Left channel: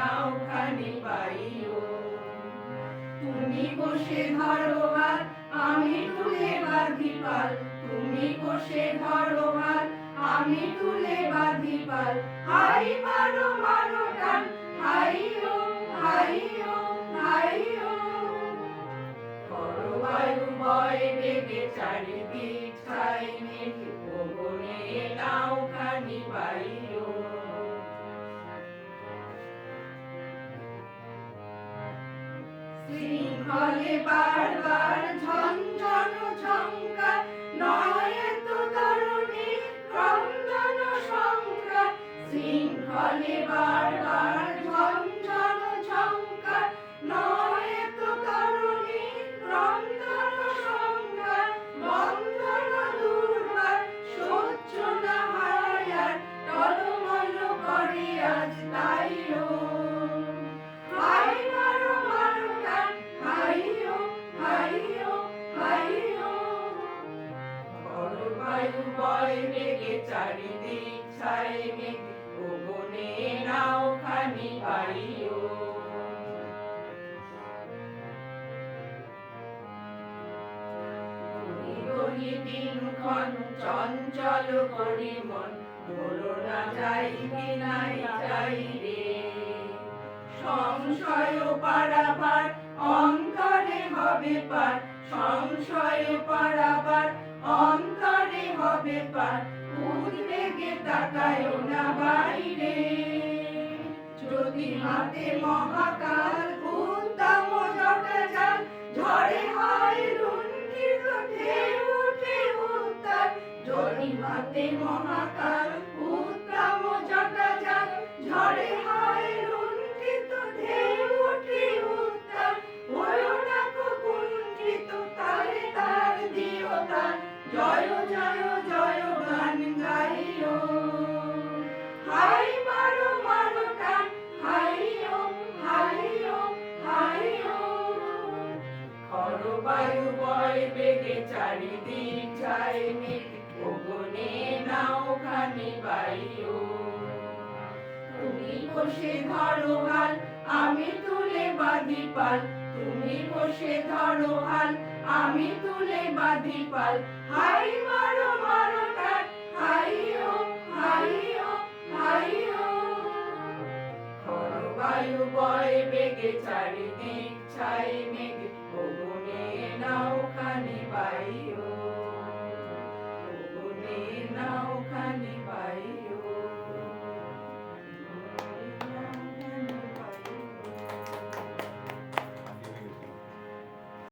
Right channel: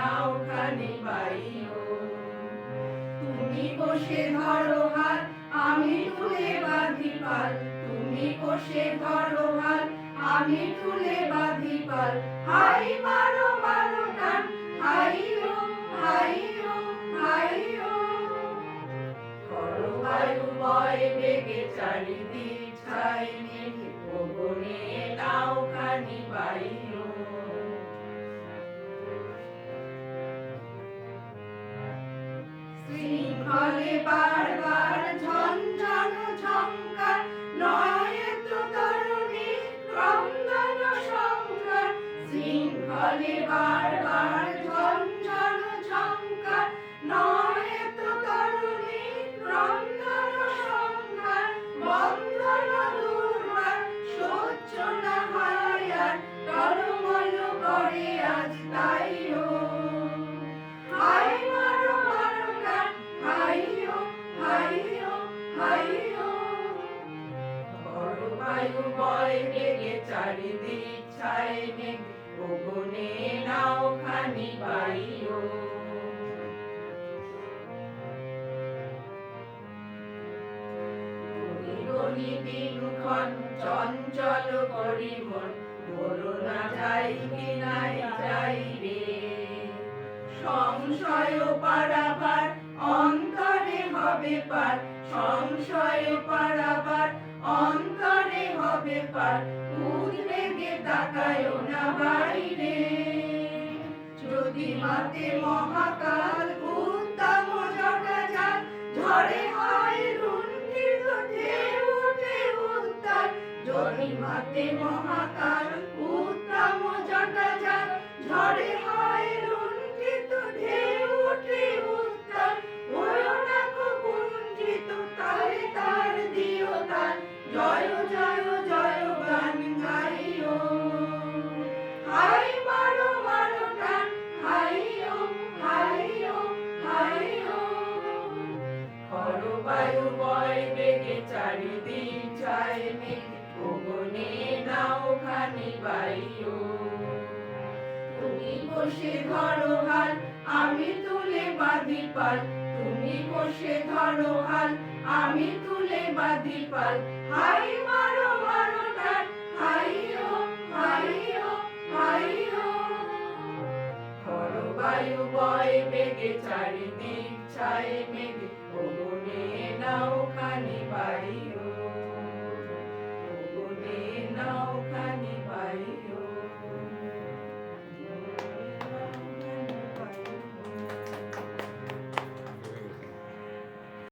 নাওখানি বাইও। তুমি বসে ধরো হাত, আমি তুলে বাঁধি পাল। তুমি বসে ধরো হাত, আমি তুলে বাঁধি পাল। হাই মারো মারো টান, হাইও হাইও হাইও। করো বায়ু বয় বেগে চারিদিক ছাই মেঘে, গগনে নাওখানি বাইও। শৃঙ্খলে বারবার ঝনঝন ঝংকার, নয় তো তরুণী ক্রন্দন সংকার। শৃঙ্খলে বারবার ঝনঝন ঝংকার, নয় তো তরুণী ক্রন্দন সংকার। বন্ধন দুর্বার সহ্য না হয় আর, টলমল করে আজ তাইও। হাই মারো মারো টান, হাইও হাইও হাইও। করো বায়ু বয় বেগে চারিদিক ছাই মেঘে, গগনে নাওখানি বাইও। দিনক্ষণ চঞ্চল করি মন, বলো না যাই কি নাই যাই রে। সংশয় পারাবার অন্তরে হবে পার, সংশয় পারাবার অন্তরে হবে পার। উদ্বেগে তাকায় না বাইরে, যদি মাতে মহাকাল উত্তম জটাজাল। ঝড়ে হয় লুণ্ঠিত ঢেউ উঠে উত্তাল, যদি মাতে মহাকাল উত্তম জটাজাল। ঝড়ে হয় লুণ্ঠিত ঢেউ উঠে উত্তাল, হলো না কো কুণ্ঠিত তালে তার দিও তাল। জয় জয় জয় গান গাইও। হাই মারো মারো টান, হাইও হাইও হাইও। করো বায়ু বয় বেগে চারিদিক ছাই মেঘে, গগনে নাওখানি বাইও। তুমি বসে ধরো হাল, আমি তুলে বাঁধি পাল। তুমি বসে ধরো হাল, আমি তুলে বাঁধি পাল। হাই মারো মারো টান, হাইও হাইও হাইও। করো বায়ু বয় বেগে চারিদিক ছাই মেঘে,